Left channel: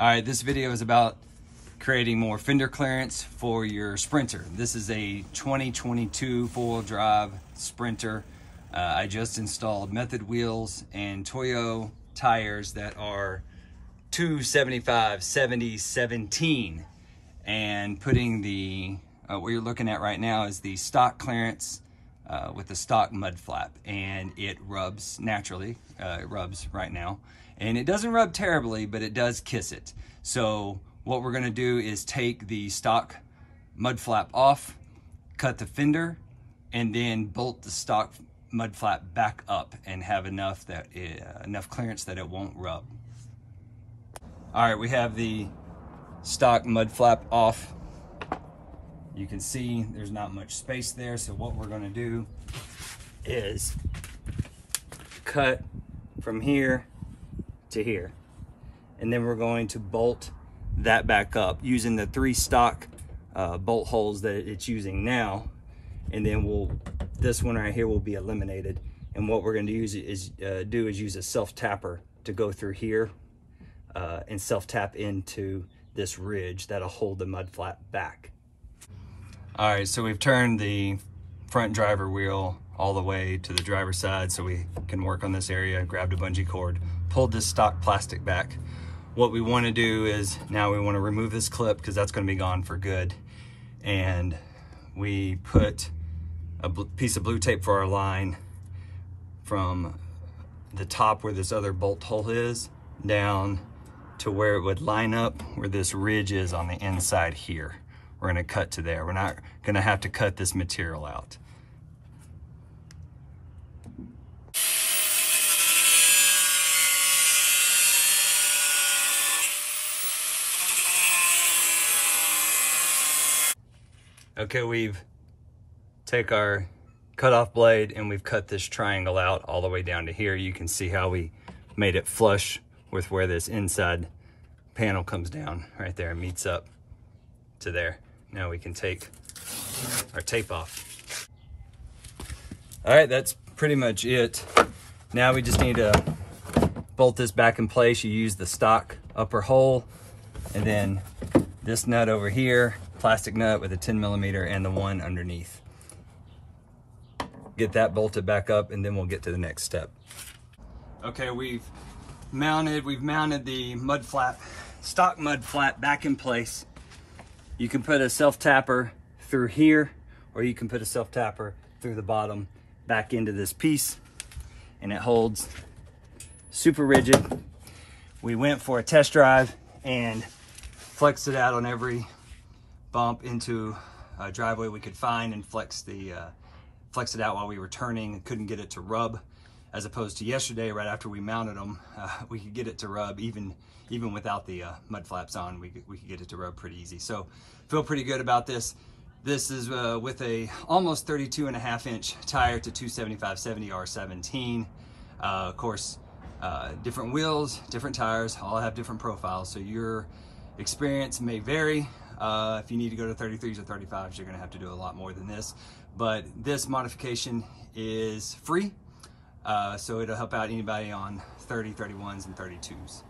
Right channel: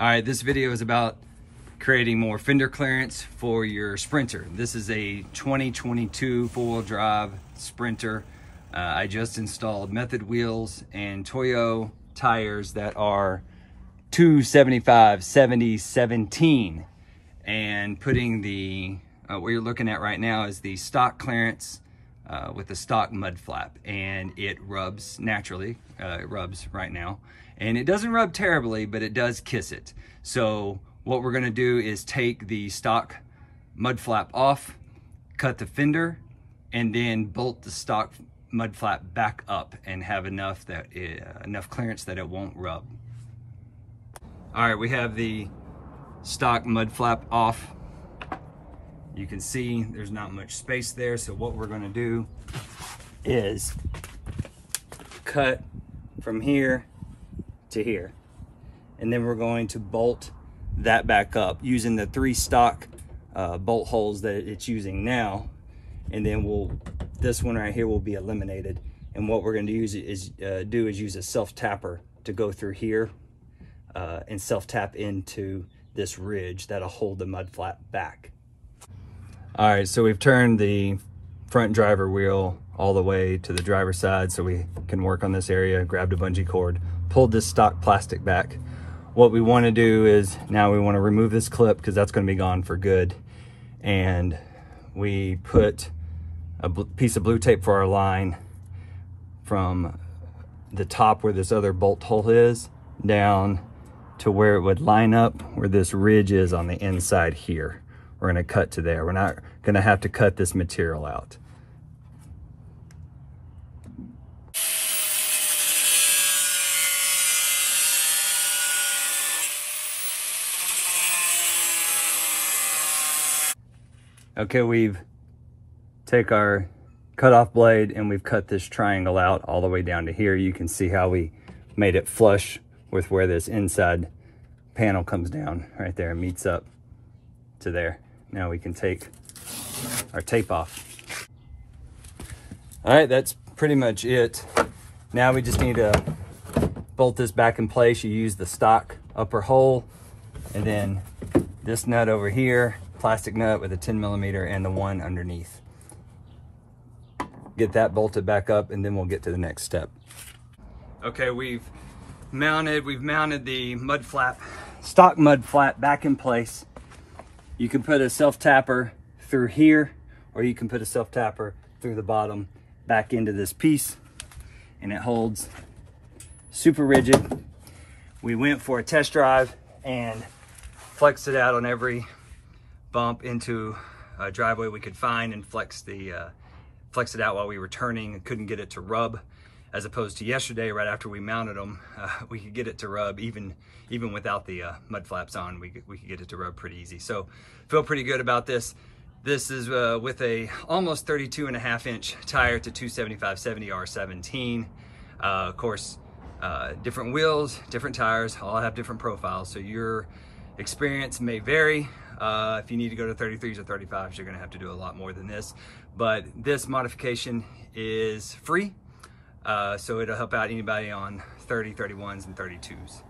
All right, this video is about creating more fender clearance for your Sprinter. This is a 2022 four-wheel drive Sprinter. I just installed method wheels and Toyo tires that are 275/70/17, and putting the what you're looking at right now is the stock clearance with the stock mud flap, and it rubs naturally. It rubs right now, and it doesn't rub terribly, but it does kiss it. So what we're gonna do is take the stock mud flap off, cut the fender, and then bolt the stock mud flap back up and have enough clearance that it won't rub. All right, we have the stock mud flap off. You can see there's not much space there, so what we're gonna do is cut from here to here, and then we're going to bolt that back up using the 3 stock bolt holes that it's using now, and then this one right here will be eliminated. And what we're going to use is use a self tapper to go through here and self tap into this ridge that'll hold the mud flap back. All right, so we've turned the front driver wheel all the way to the driver's side so we can work on this area. Grabbed a bungee cord, pulled this stock plastic back. What we want to do is now we want to remove this clip because that's going to be gone for good, and we put a piece of blue tape for our line from the top where this other bolt hole is down to where it would line up where this ridge is on the inside here. We're going to cut to there. We're not going to have to cut this material out. Okay, we've take our cutoff blade and we've cut this triangle out all the way down to here. You can see how we made it flush with where this inside panel comes down right there and meets up to there. Now we can take our tape off. All right, that's pretty much it. Now we just need to bolt this back in place. You use the stock upper hole, and then this nut over here, plastic nut with a 10mm, and the one underneath. Get that bolted back up, and then we'll get to the next step. Okay, we've mounted the mud flap, stock mud flap, back in place. You can put a self tapper through here, or you can put a self tapper through the bottom back into this piece, and it holds super rigid. We went for a test drive and flexed it out on every bump into a driveway we could find, and flexed it out while we were turning, and couldn't get it to rub. As opposed to yesterday, right after we mounted them, we could get it to rub even without the mud flaps on. We could get it to rub pretty easy. So feel pretty good about this. This is with a almost 32.5-inch tire to 275/70/17. Of course, different wheels, different tires, all have different profiles, so your experience may vary. If you need to go to 33s or 35s, you're gonna have to do a lot more than this. But this modification is free, so it'll help out anybody on 30, 31s, and 32s.